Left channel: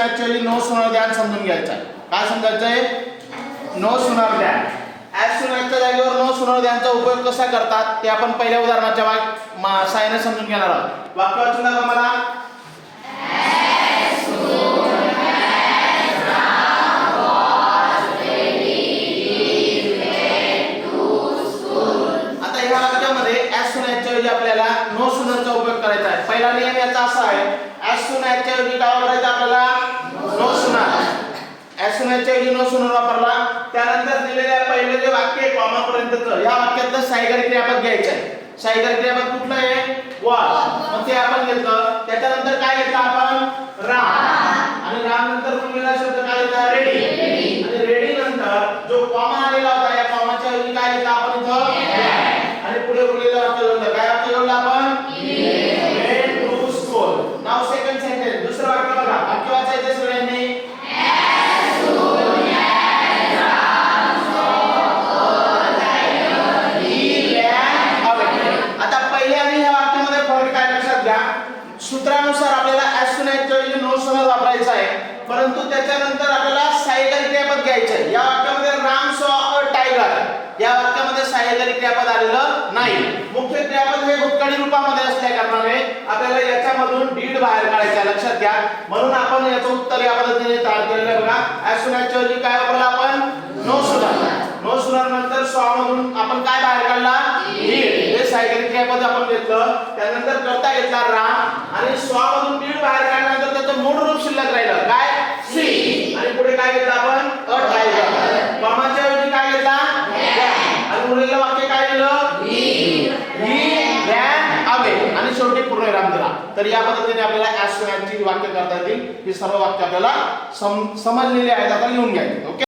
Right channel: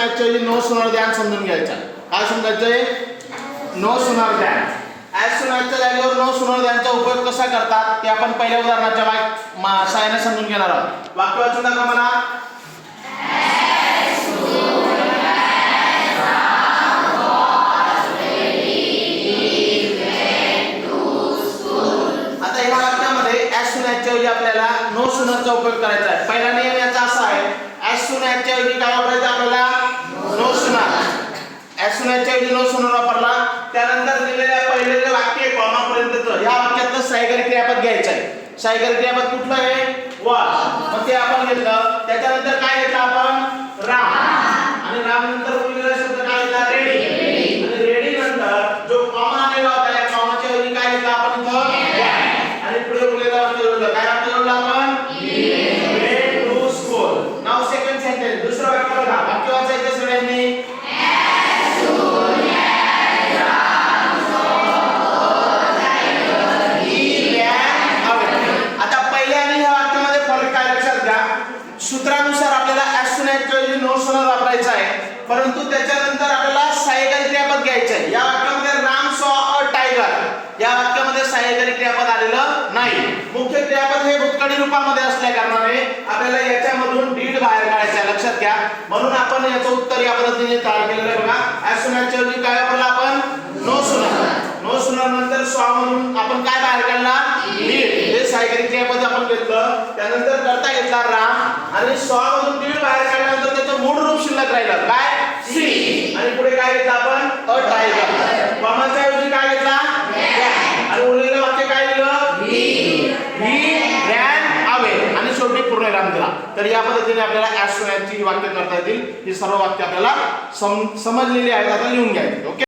Actually no sooner ध्यान समजून घ्यायचं. आहे. काय समजायचंय नो सुनर द्यान ॲज सुनरच्या जागेवर नो सुनर ध्यानचा उपयोग कसा करतात? ते आपण पहिल्या उदाहरणाच्या वाक मा- सहाय्याने समजून घेणार आहोत. वाक्य वाचून दाखवा मला. आता ह्या ॲज सुन ऐवजी आपल्याला नो सुनरचा उपयोग करायचा आहे. पहिला नियम याचा असा आहे ॲज सुन ऐवजी काय वापरायचं आपल्याला? नो सुनार. ॲज ऐवजी नो सुनर वापरला त्यानंतर दिलेल्या पहिले जे वाक्य आहे कॉमापर्यंतचं. या वाक्यातलं सायगर क्रियापद घ्यायचं आहे सायगर क्रियापद कुठलं आहे? वॉच मग ते आपण घेतलं. त्याच्यानंतर काय घेतलं आपण? राम आणि राम नंतर बोललेला शब्द काय घेतला रेडी आणि रेडी नंतर जो कॉमा आलेला होता या कॉमाच्या ऐवजी काय घेतला आपण इथं? आणि पुढे बोललेला सूत्रानुसार आपल्याला as नो as वापरायचा वापरायचं आहे. परंतु त्याच्यानंतर आपल्याला सायगरी क्रियापद घ्यायचं आहे. या वाक्यामध्ये राम सॉ अ टायगर. या वाक्यामध्ये सायगरी क्रियापद आलेलं नाही. मुख्य क्रियापद हे भूतकडी रूपामध्ये असल्या कारणाने आपल्याला याच्यामधून डीड बाहेर काढायचं आहे. लक्षात घ्या. म्हणून आपण याचं उत्तर या पद्धतीने तयार केलेलं आहे बघा. As काय वापरलं आपण? नो सुनर नो सुनर नंतर सॉ मधून आपण काय बाहेर काढला? आपण घेतलं त्यानंतर करता घेतला राम आणि सॉ मधून बाहेर काढल्यानंतर त्याचं मूळ रूप शिल्लक राहिलं. काय? सी आणि पुढे काय घेतलं आपण? अ टायगर ऐवजी काय घेतला. आणि उरलेलं वाक्य काय दिलं ही रॅन अवे आणि शेवटी पूर्णविराम दिला. तर या पद्धतीने आपल्याला ऍस वाक्य करता येतील. ही सर्व वाक्य आपल्याला सम समजलेली आहेत. आता लिहून घ्यायची. ओके?